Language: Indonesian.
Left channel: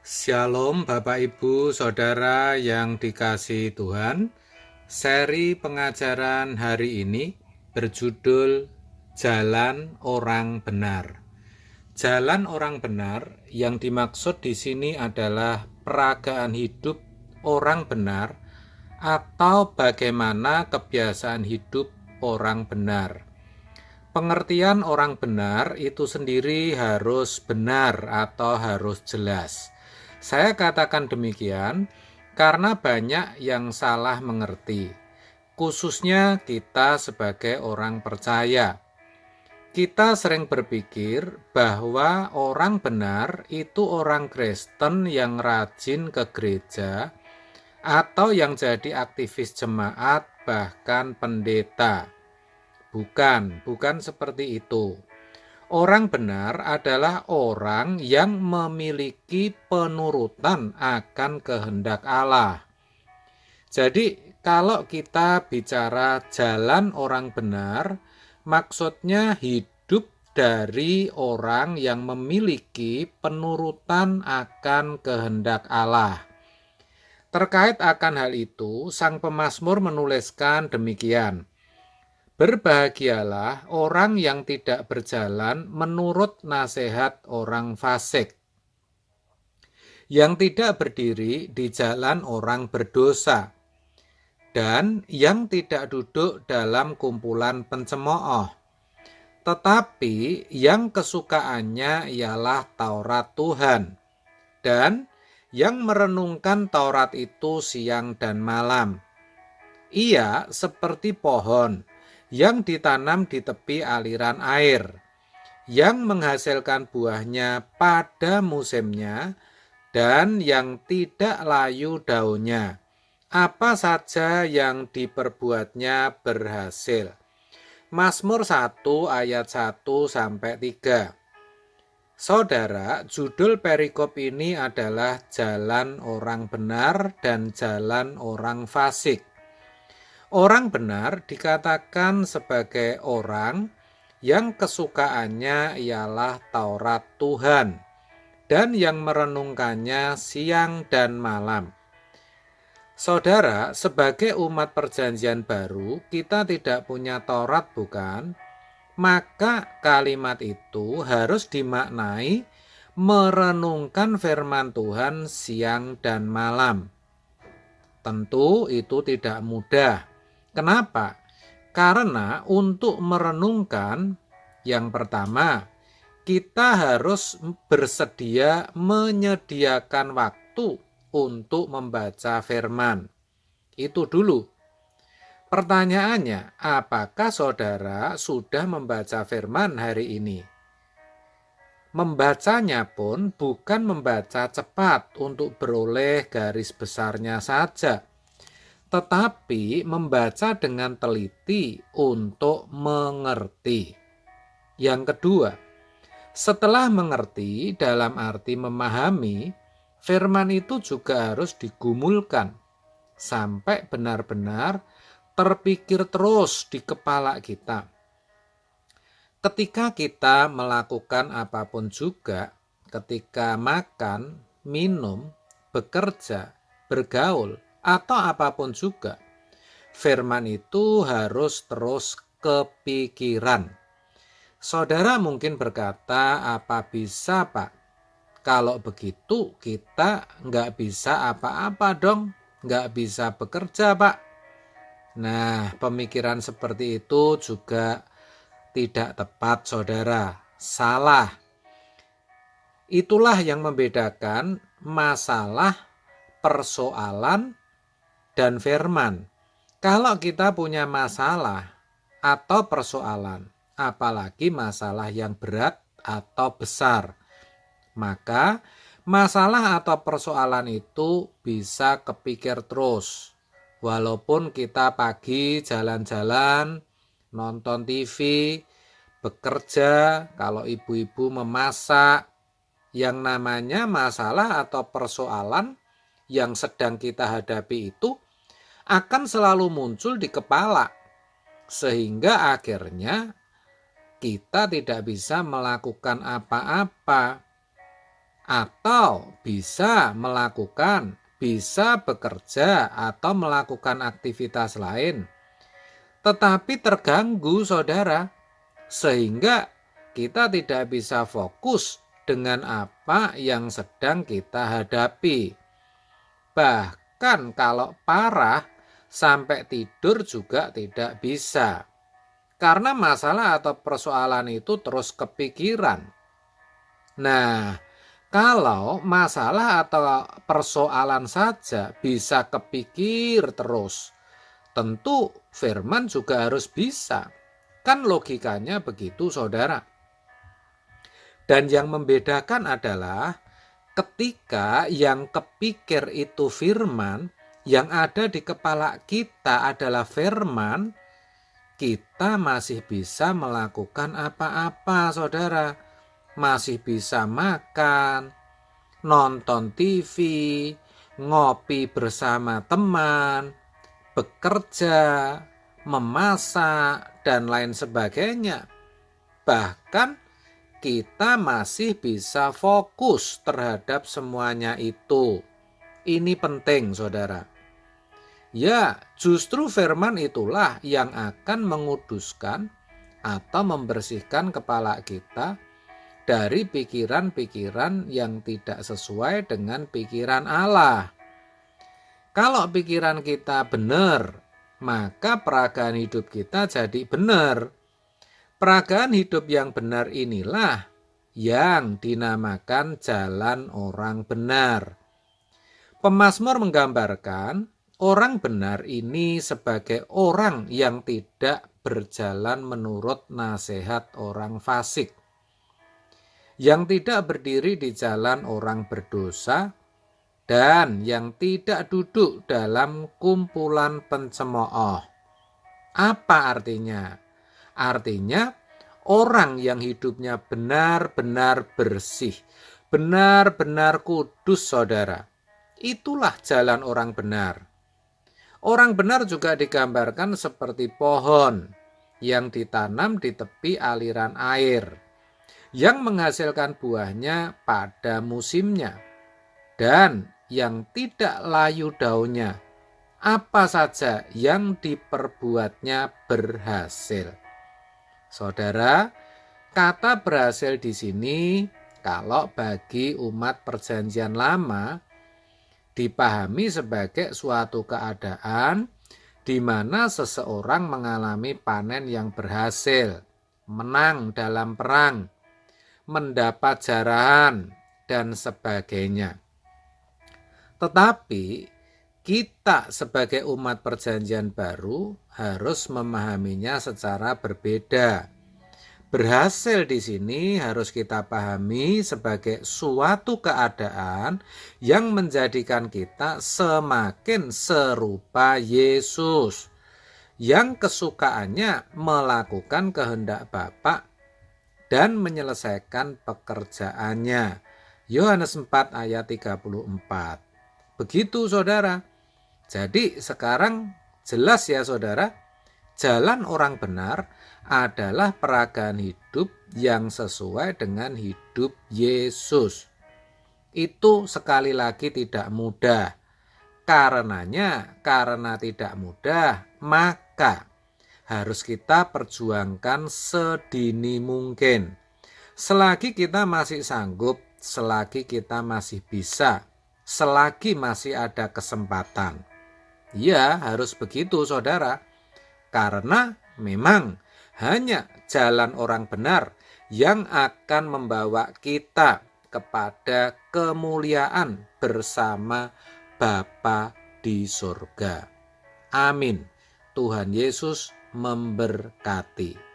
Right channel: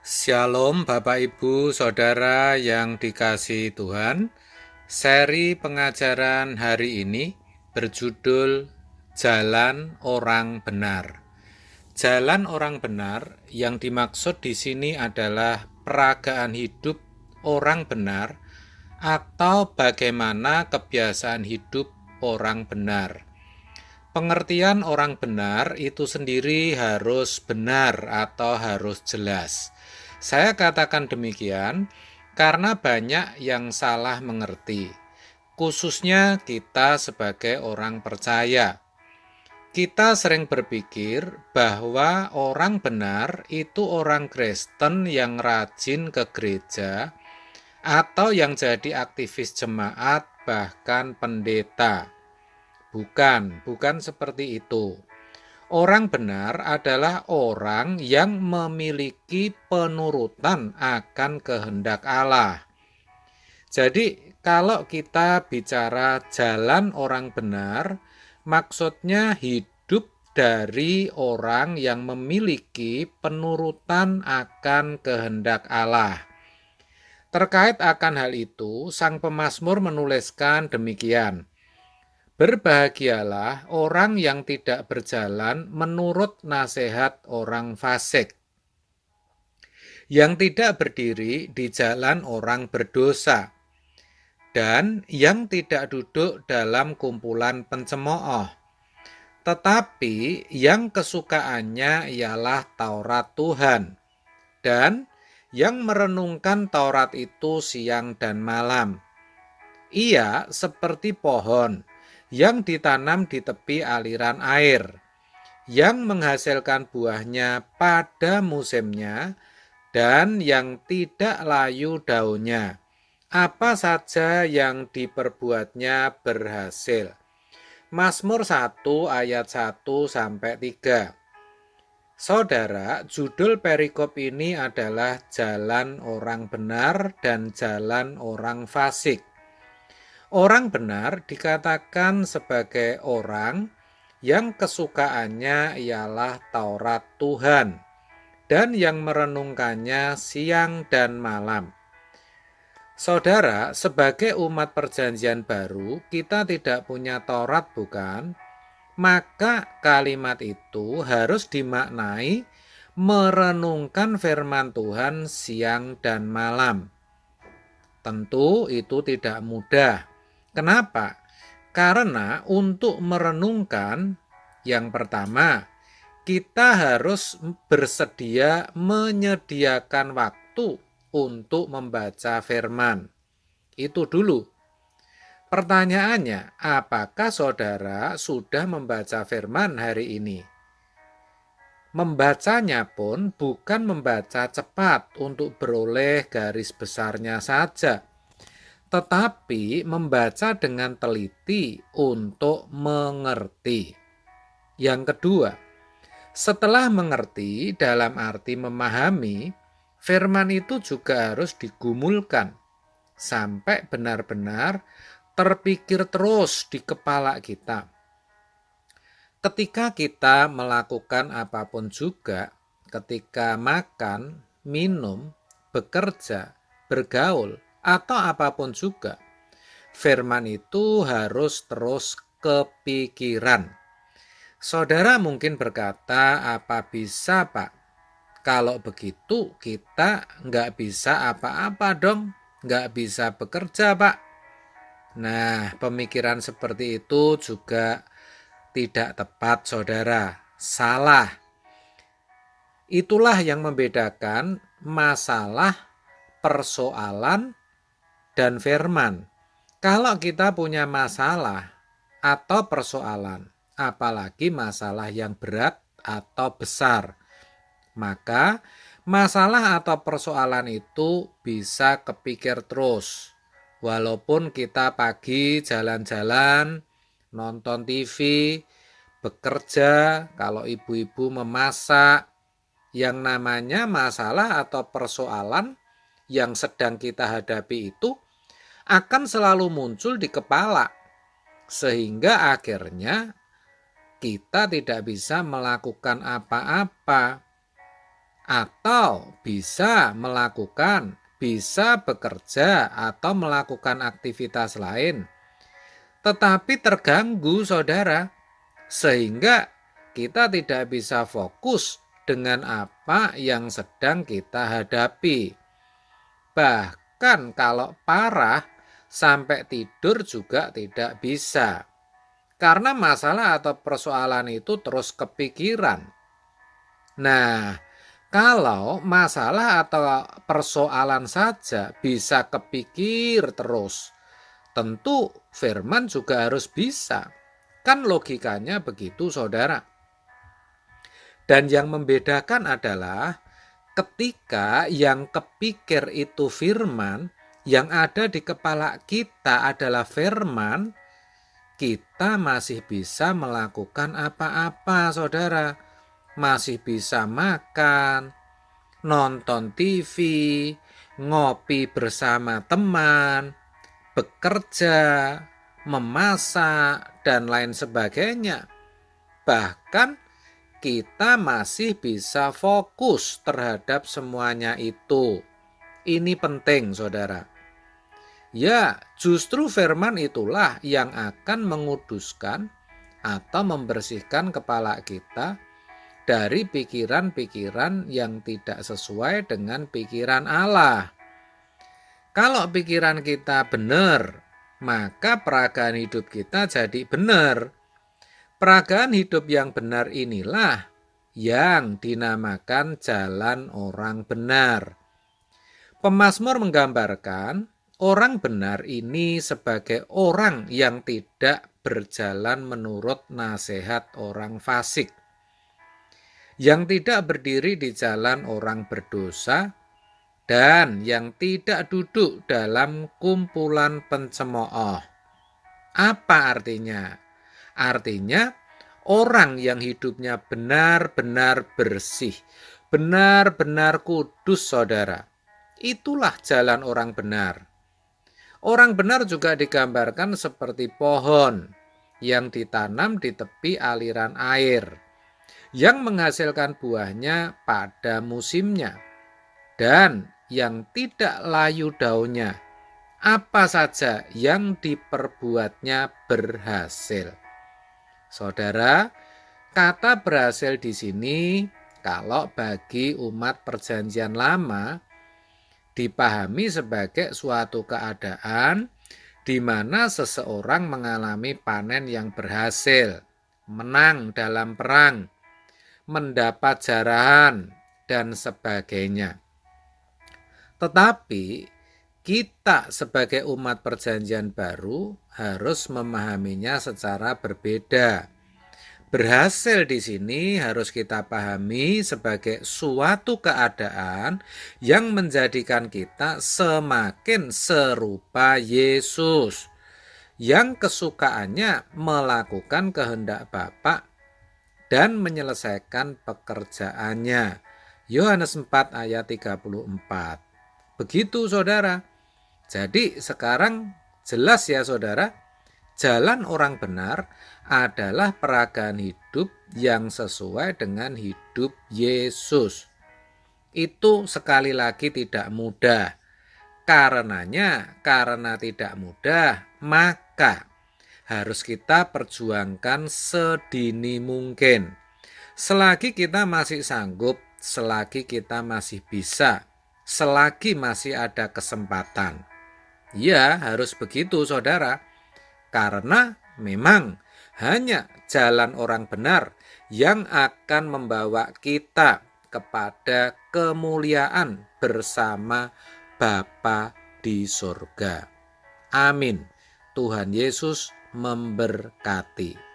Shalom Bapak Ibu Saudara yang dikasihi Tuhan. Seri pengajaran hari ini berjudul Jalan Orang Benar. Jalan orang benar yang dimaksud di sini adalah peragaan hidup orang benar atau bagaimana kebiasaan hidup orang benar. Pengertian orang benar itu sendiri harus benar atau harus jelas. Saya katakan demikian karena banyak yang salah mengerti, khususnya kita sebagai orang percaya. Kita sering berpikir bahwa orang benar itu orang Kristen yang rajin ke gereja atau yang jadi aktivis jemaat, bahkan pendeta. Bukan seperti itu. Orang benar adalah orang yang memiliki penurutan akan kehendak Allah. Jadi, kalau kita bicara jalan orang benar, maksudnya hidup dari orang yang memiliki penurutan akan kehendak Allah. Terkait akan hal itu, Sang Pemazmur menuliskan demikian. Berbahagialah orang yang tidak berjalan menurut nasihat orang fasik, yang tidak berdiri di jalan orang berdosa, dan yang tidak duduk dalam kumpulan pencemooh, tetapi yang kesukaannya ialah Taurat Tuhan, dan yang merenungkan Taurat itu siang dan malam. Ia seperti pohon yang ditanam di tepi aliran air, yang menghasilkan buahnya pada musimnya dan yang tidak layu daunnya. Apa saja yang diperbuatnya berhasil. Mazmur 1 ayat 1-3. Saudara, judul perikop ini adalah Jalan Orang Benar dan Jalan Orang Fasik. Orang benar dikatakan sebagai orang yang kesukaannya ialah Taurat Tuhan dan yang merenungkannya siang dan malam. Saudara, sebagai umat perjanjian baru, kita tidak punya Taurat, bukan? Maka kalimat itu harus dimaknai merenungkan firman Tuhan siang dan malam. Tentu itu tidak mudah. Kenapa? Karena untuk merenungkan, yang pertama, kita harus bersedia menyediakan waktu untuk membaca firman. Itu dulu. Pertanyaannya, apakah saudara sudah membaca firman hari ini? Membacanya pun bukan membaca cepat untuk beroleh garis besarnya saja, tetapi membaca dengan teliti untuk mengerti. Yang kedua, setelah mengerti dalam arti memahami, firman itu juga harus digumulkan sampai benar-benar terpikir terus di kepala kita. Ketika kita melakukan apapun juga, ketika makan, minum, bekerja, bergaul, atau apapun juga, firman itu harus terus kepikiran. Saudara mungkin berkata, apa bisa Pak? Kalau begitu kita nggak bisa apa-apa dong, nggak bisa bekerja Pak. Nah, pemikiran seperti itu juga tidak tepat saudara, salah. Itulah yang membedakan masalah, persoalan, dan firman. Kalau kita punya masalah atau persoalan, apalagi masalah yang berat atau besar, maka masalah atau persoalan itu bisa kepikir terus. Walaupun kita pagi jalan-jalan, nonton TV, bekerja, kalau ibu-ibu memasak, yang namanya masalah atau persoalan yang sedang kita hadapi itu akan selalu muncul di kepala, sehingga akhirnya kita tidak bisa melakukan apa-apa. atau bisa bekerja atau melakukan aktivitas lain, tetapi terganggu, saudara, sehingga kita tidak bisa fokus dengan apa yang sedang kita hadapi. Bahkan kalau parah, sampai tidur juga tidak bisa. Karena masalah atau persoalan itu terus kepikiran. Nah, kalau masalah atau persoalan saja bisa kepikir terus, tentu firman juga harus bisa. Kan logikanya begitu, saudara. Dan yang membedakan adalah ketika yang kepikir itu firman, yang ada di kepala kita adalah firman, kita masih bisa melakukan apa-apa, saudara. Masih bisa makan, nonton TV, ngopi bersama teman, bekerja, memasak, dan lain sebagainya. Bahkan kita masih bisa fokus terhadap semuanya itu. Ini penting, saudara. Ya, justru firman itulah yang akan menguduskan atau membersihkan kepala kita dari pikiran-pikiran yang tidak sesuai dengan pikiran Allah. Kalau pikiran kita benar, maka peragaan hidup kita jadi benar. Peragaan hidup yang benar inilah yang dinamakan jalan orang benar. Pemazmur menggambarkan orang benar ini sebagai orang yang tidak berjalan menurut nasihat orang fasik, yang tidak berdiri di jalan orang berdosa, dan yang tidak duduk dalam kumpulan pencemooh. Apa artinya? Artinya orang yang hidupnya benar-benar bersih, benar-benar kudus, saudara. Itulah jalan orang benar. Orang benar juga digambarkan seperti pohon yang ditanam di tepi aliran air, yang menghasilkan buahnya pada musimnya, dan yang tidak layu daunnya. Apa saja yang diperbuatnya berhasil. Saudara, kata berhasil di sini kalau bagi umat Perjanjian Lama dipahami sebagai suatu keadaan di mana seseorang mengalami panen yang berhasil, menang dalam perang, mendapat jarahan, dan sebagainya. Tetapi kita sebagai umat Perjanjian Baru harus memahaminya secara berbeda. Berhasil di sini harus kita pahami sebagai suatu keadaan yang menjadikan kita semakin serupa Yesus, yang kesukaannya melakukan kehendak Bapa dan menyelesaikan pekerjaannya. Yohanes 4 ayat 34. Begitu, saudara. Jadi sekarang jelas ya, saudara, jalan orang benar adalah peragaan hidup yang sesuai dengan hidup Yesus. Itu sekali lagi tidak mudah. Karena tidak mudah, maka harus kita perjuangkan sedini mungkin. Selagi kita masih sanggup, selagi kita masih bisa, selagi masih ada kesempatan. Ya, harus begitu, saudara. Karena memang hanya jalan orang benar yang akan membawa kita kepada kemuliaan bersama Bapa di surga. Amin. Tuhan Yesus memberkati.